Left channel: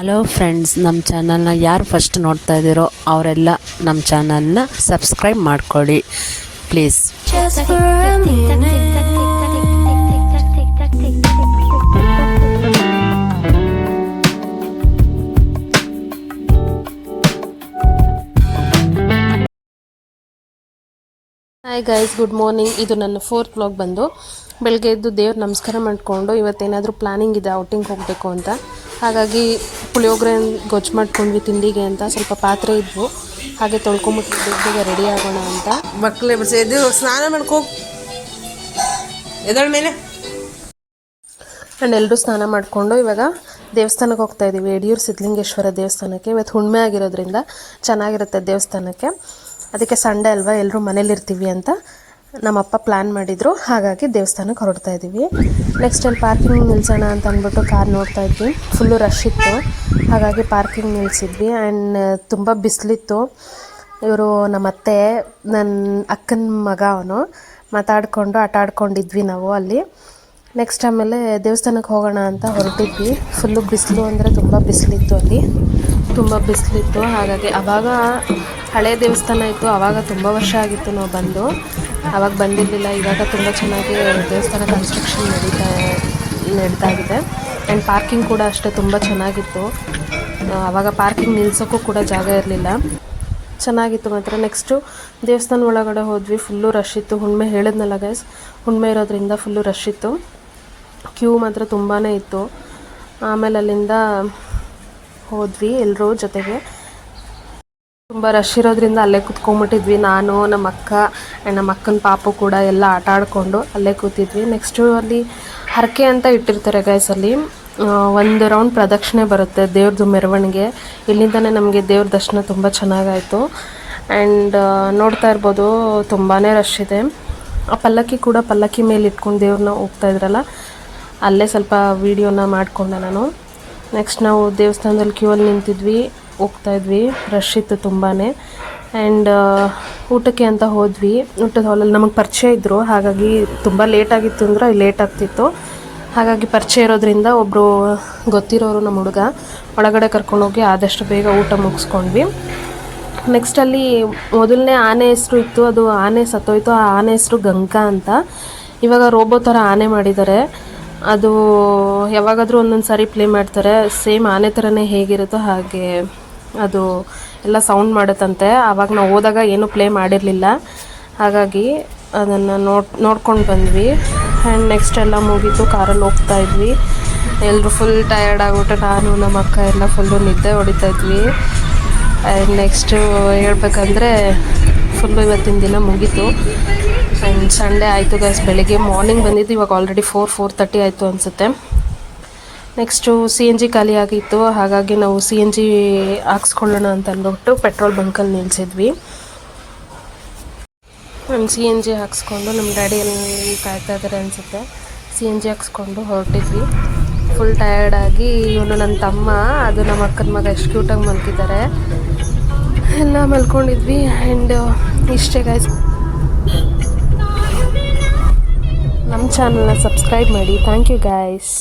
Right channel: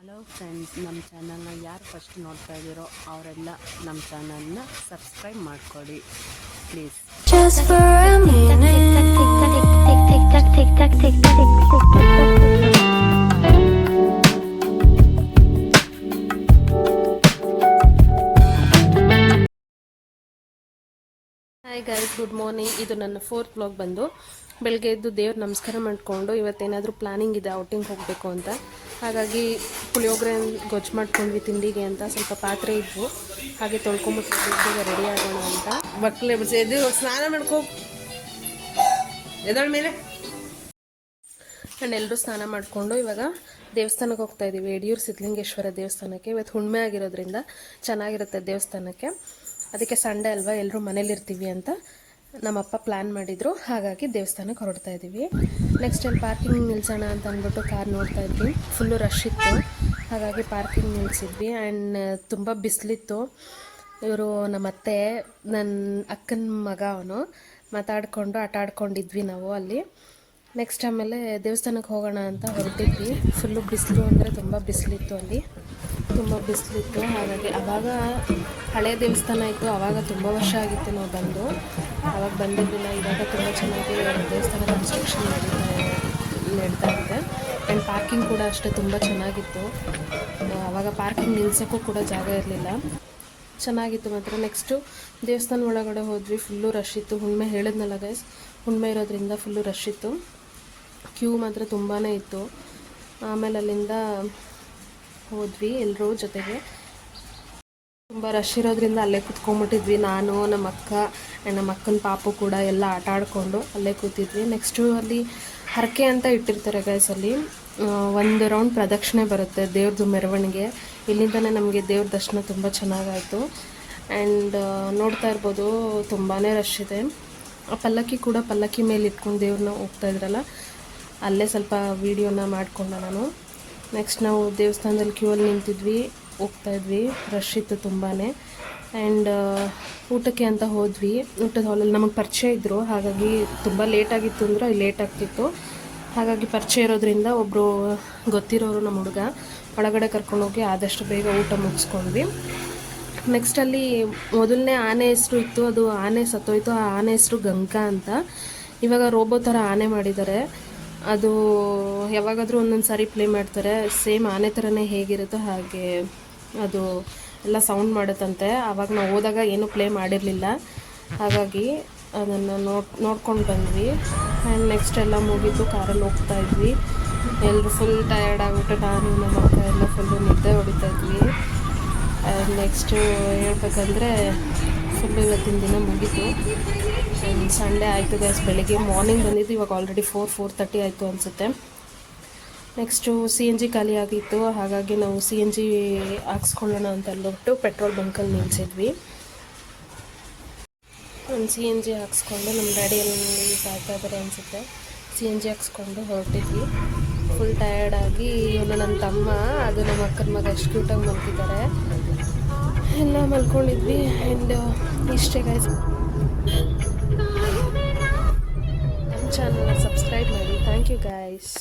Hello friends, ನಮ್ಮ ಚಾನಲ್ನ ಯಾರು ಫಸ್ಟ್ ನೋಡ್ತಾ ಇದ್ದೀರೋ ಅವರೆಲ್ಲ ನಮ್ಮ ಚಾನಲ್ನ ಸಬ್ಸ್ಕ್ರೈಬ್ ಮಾಡ್ಕೊಳ್ಳಿ please. Hi guys, good morning. ಇದು ನನ್ನ 4th ವ್ಲಾಗ್ ಬಂದು ಬೆಳಗ್ಗೆ ಎದ್ದು ದೇವ್ರ ನಮಸ್ಕಾರ ಮಾಡಿಕೊಂಡು ಇವತ್ತೇನಾದರೂ ಪ್ಲ್ಯಾನಿಂಗ್ ಇದೆ ಔಟಿಂಗ್ ಹೋಗಬೇಕು ಅಂತ. ಹಾಗಾಗಿ ಪುಳಿಯೋಗರೆ ಗೊಜ್ಜು ಮಾಡ್ಕೊಂಡ್ವಿ ತಿಂಡಿಗೆ ಅಂತ. ಸ್ವಲ್ಪ ಪಾತ್ರೆ ಇದ್ವು, ಹಾಗೆ ತೊಳ್ಕೊಂಬಿಟ್ಟು ಬೇಗ ರೆಡಿ ಆಗೋಣ ಅಂತ. ಮಕ್ಕಳೇ ಇದು ಸ್ನಾನ ಮಾಡ್ಕೋ ಎದಳ ಮೇಲೆ. ಆ್ಯಂಡ್ ಎಲ್ಲರೂ ಸ್ನಾನ ಮಾಡಿಕೊಂಡು ಇವಾಗ ದೇವಸ್ಥಾನಕ್ಕೆ ಹೋಗ್ತಾ ಇದ್ದೀವಿ, ಯಡಿಯೂರು ಸಿದ್ಧಲಿಂಗೇಶ್ವರ ದೇವಸ್ಥಾನಕ್ಕೆ. ಇವತ್ತು ಹುಣ್ಣಿಮೆ ಆಗಿರೋದ್ರಿಂದ ಚೆನ್ನಾಗಿರುತ್ತೆ ದೇವಸ್ಥಾನಕ್ಕೆ. ಅದಕ್ಕೆ ಸಂಡೇ ಅಲ್ವಾ, ಎಲ್ಲರೂ ಮನೇಲಿರ್ತೀವಿ ಅಂತ ನಮ್ಮಪ್ಪ ಪ್ಲ್ಯಾನ್ ಮಾಡಿದರು. ಹಾಗಾಗಿ ದೇವಸ್ಥಾನಕ್ಕೆ ಹೊರಡ್ತಾ ಇದ್ದೀವಿ. ನೆಕ್ಸ್ಟ್ ಅಲ್ಲಿ ಪಾರ್ಕಿಂಗ್ ನಿಲ್ಸೋಣ ಅಂತ ಅಂದ್ಬಿಟ್ಟು ಕಾರ್ ನೋಡ್ತಾ ಇದ್ವಿ. ಫುಲ್ಲು ರಶ್ ಇತ್ತು, ಹಾಗಾಗಿ ಪಾರ್ಕಿಂಗ್ ನಿಲ್ಲಿಸಿದ್ವಿ. ಆ್ಯಂಡ್ ತುಂಬ ಬಿಸಿಲಿತ್ತು. ಇವರು ನಮ್ಮತ್ತೆ, ನನ್ನ ಅಕ್ಕನ ಮಗ, ಅವನು ಮಾತಾಡಿಕೊಂಡು ಆಟ ಆಡ್ಕೊಂಡಿದ್ವಿ ನಾವು ಅಲ್ಲಿ. ನೆಕ್ಸ್ಟ್ ಆಮೇಲೆ ದೇವಸ್ಥಾನಕ್ಕೆ ಹೋಗೋಣ ಅಂತ ಹೊರಟಿದ್ವಿ. ಫುಲ್ಲು ಬಿಸಿಲು ಅಂದರೆ ತುಂಬ ಬಿಸಿಲಿತ್ತು, ಅಲ್ಲಿ ತುಂಬ ಬಿಸಿಲಿತ್ತು. ಹಾಗಾಗಿ ಆವಾಗ ಹಳೆ ದೇವಸ್ಥಾನ ಇತ್ತು, ಆವಾಗ ತುಂಬ ವರ್ಷ ಆಗಿತ್ತು ನಾವು ಬಂದು. ಆವಾಗ ಬಂದಿರಲಿಲ್ಲ. ಇವಾಗ ತುಂಬ ಚೆನ್ನಾಗಿ ದೇವಸ್ಥಾನ ಕನ್ಸ್ಟ್ರಕ್ಷನ್ ನಡೀತಾ ಇದೆ. ಆ್ಯಂಡ್ ಪಾರ್ಕಿಂಗ್ ಕೂಡ ಅಷ್ಟೇ ತುಂಬ ಚೆನ್ನಾಗಿತ್ತು. ಆವಾಗ ಪಾರ್ಕಿಂಗ್ ನಿಲ್ಸೋಕ್ಕೂ ಕೂಡ ಜಾಗ ಇರಲಿಲ್ಲ, ಚೆನ್ನಾಗಿತ್ತು ಮಾತ್ರ. ನೆಕ್ಸ್ಟು ದೇವಸ್ಥಾನ ಒಳಗಡೆ ಹೋದ್ವಿ. ಫುಲ್ಲು ರಶ್ ಇತ್ತು. ಹುಣ್ಣಿಮೆ ಹೇಳಿದ್ನಲ್ಲ ಗೈಸ್, ಹುಣ್ಣಿಮೆ ಇರೋದ್ರಿಂದ ಫುಲ್ಲು ರಶ್ ಇತ್ತು. ಕ್ಯೂ ಮಾತ್ರ ತುಂಬಾ ಇತ್ತು. ಆಮೇಲೆ ಅಲ್ಲಿಂದ ಹೋದ್ವಿ ಎಲ್ಲರೂ ಜೊತೆಗೆ. ತುಂಬ ರಶ್ ಇರೋದ್ರಿಂದ ಅಲ್ಲೇ ಕೂತ್ಕೊಂಡ್ಬಿಟ್ಟಿದ್ವಿ. ನಾನು, ನಮ್ಮ ಅಕ್ಕ ಆ್ಯಂಡ್ ನಮ್ಮ ಅಕ್ಕನ ಪಾಪು ಕೂಡ ಎಲ್ಲ ಆಟ ಆಡಿಕೊಂಡು ಅಲ್ಲೇ ಕೂತಿದ್ವಿ. ನೆಕ್ಸ್ಟು ಅಲ್ಲಿ ಹರಕೆ ಅಂತ ಇಟ್ಟಿರ್ತಾರೆ ಗೈಸ್. ಅಲ್ಲಿ 1 ರೌಂಡ್ ಪ್ರದಕ್ಷಿಣೆ ಬರುತ್ತೆ ದೇವ್ರದ್ದು ಮೆರವಣಿಗೆ. ಇಲ್ಲಿಂದನೇ ನಮಗೆ ದೇವ್ರ ದರ್ಶನ ತುಂಬ ಚೆನ್ನಾಗಾಯಿತು. ಆ್ಯಂಡ್ ನೋಡ್ತಾ ಇರ್ಬೋದು ತುಂಬಾ ರಶ್ ಇದೆ. ಆ ಪಲ್ಲಕ್ಕಿ ಮೇಲೆ ಇಟ್ಕೊಂಡು ದೇವ್ರನ್ನ ಹೋಗ್ತಾ ಇದ್ರಲ್ಲ, ಅಲ್ಲೇ ಸ್ವಲ್ಪ ವೀಡಿಯೋನ ಮಾಡಿಕೊಂಡೆ ನಾನು. ನೆಕ್ಸ್ಟ್ ನಾವು ದೇವಸ್ಥಾನದಲ್ಲಿ ಕ್ಯೂ ಅಲ್ಲಿ ನಿಂತಿದ್ವಿ, ಹೋಗ್ತಾಯಿದ್ವಿ. ರಶ್ ಇತ್ತು ತುಂಬಾ. ಆ್ಯಂಡ್ ಊಟಕ್ಕೆ ಅಂತ ಹೋದ್ವಿ. ಊಟದ ಹಾಲಲ್ಲಿ ನಮಗೆ ಪರಿಚಯ ಇದ್ದರು, ಹಾಗಾಗಿ ತುಂಬ ಲೇಟಾಗಿತ್ತು ಅಂದರೆ ಲೇಟ್ ಆಗ್ತಿತ್ತು. ಹಾಗಾಗಿ ಪರಿಚಯ ಇರೋದ್ರಿಂದ ಒಬ್ಬರು ಗೊತ್ತಿರೋರು ನಮ್ಮ ಹುಡುಗ ಒಳಗಡೆ ಕರ್ಕೊಂಡೋಗಿ ಆದಷ್ಟು ಬೇಗ ಊಟ ಮುಗಿಸ್ಕೊಂಡ್ವಿ. ನೆಕ್ಸ್ಟ್ ಅಲ್ಲಿ ಮೊದಲನೇ ಆನೆ ಹೆಸರು ಇತ್ತು, ಅದು ಆನೆ ಸತ್ತೋಯ್ತು. ಆ ಆನೆ ಹೆಸರು ಗಂಗಾ ಅಂತ. ಇವಾಗ ರೋಬೋ ಥರ ಆನೆ ಮಾಡಿದ್ದಾರೆ. ಅದು ಯಾವಾಗಾದರೂ ಒಂದೊಂದು ಸಾರಿ ಪ್ಲೇ ಮಾಡ್ತಾರೆ. ಸೇಮ್ ಆನೆ ಥರನೇ ಹೇಗಿರುತ್ತೋ ಹಾಗೆ ಅದು ಎಲ್ಲ ಸೌಂಡ್ ಮಾಡುತ್ತಂತೆ. ಆವಾಗ ನಾವು ಹೋದಾಗ ಏನೂ ಪ್ಲೇ ಮಾಡಿರಲಿಲ್ಲ, ಹಾಗಾಗಿ ಅದನ್ನು ನೋಡ್ಕೊಂಡು ಬಂದ್ವಿ. ಆ್ಯಂಡ್ ನೆಕ್ಸ್ಟ್ ಎಲ್ಲ ಮುಗೀತು, ಕಾರಲ್ಲಿ ಹೋಗ್ತಾ ಇದ್ವಿ. ಎಲ್ಲರೂ ಫುಲ್ ಟಯರ್ಡ್ ಆಗಿಬಿಟ್ಟು ನಾನು, ನಮ್ಮ ಅಕ್ಕ ಎಲ್ಲ ಫುಲ್ಲು ನಿದ್ದೆ ಹೊಡಿತಾಯಿದ್ವಿ. ಆ್ಯಂಡ್ ನೆಕ್ಸ್ಟು ಹೇಳ್ಬೇಕಂದ್ರೆ ಫುಲ್ಲು ಇವತ್ತಿನ ದಿನ ಮುಗೀತು. ಆ್ಯಂಡ್ ಸಂಡೇ ಆಯಿತು ಗೈಸ್. ಬೆಳಿಗ್ಗೆ ಮಾರ್ನಿಂಗ್ ಬಂದಿದ್ದು, ಇವಾಗ ಆಲ್ರೆಡಿ 4:30 ಆಯಿತು ಅನಿಸುತ್ತೆ. ನೆಕ್ಸ್ಟು CNG ಖಾಲಿ ಆಗಿತ್ತು, ಹಾಗಾಗಿ ನಾವು CNG ಹಾಕ್ಸ್ಕೊಳ್ಳೋಣ ಅಂತ ಅಂದ್ಬಿಟ್ಟು ಪೆಟ್ರೋಲ್ ಬಂಕಲ್ಲಿ ನಿಲ್ಲಿಸಿದ್ವಿ. ಆ್ಯಂಡ್ CNG ಹಾಕ್ಸ್ಕೊಂಡು ನಮ್ಮ ಡ್ಯಾಡಿ ಕಾಯ್ತಾ ಇದ್ದಾರೆ ಅನಿಸುತ್ತೆ. CNG ಹಾಕ್ಸ್ಕೊಂಡು ಹೊರಟಿದ್ವಿ. ಫುಲ್ ಟಯರ್ಡಾಗಿ ಇವನು ನನ್ನ ತಮ್ಮ, ಅದು ನಮ್ಮ ಅಕ್ಕನ ಮಗ ಎಷ್ಟು ಕ್ಯೂಟಾಗಿ ಮಲ್ತಿದ್ದಾರೆ. ಎಲ್ಲ ಮಲ್ಕೊಂಡಿದ್ವಿ. ಆ್ಯಂಡ್ ಇಷ್ಟೇ ಗೈಸ್. ನಮ್ಮ ಚಾನಲ್ನ ಸಬ್ಸ್ಕ್ರೈಬ್ ಮಾಡಿ. Thank you guys.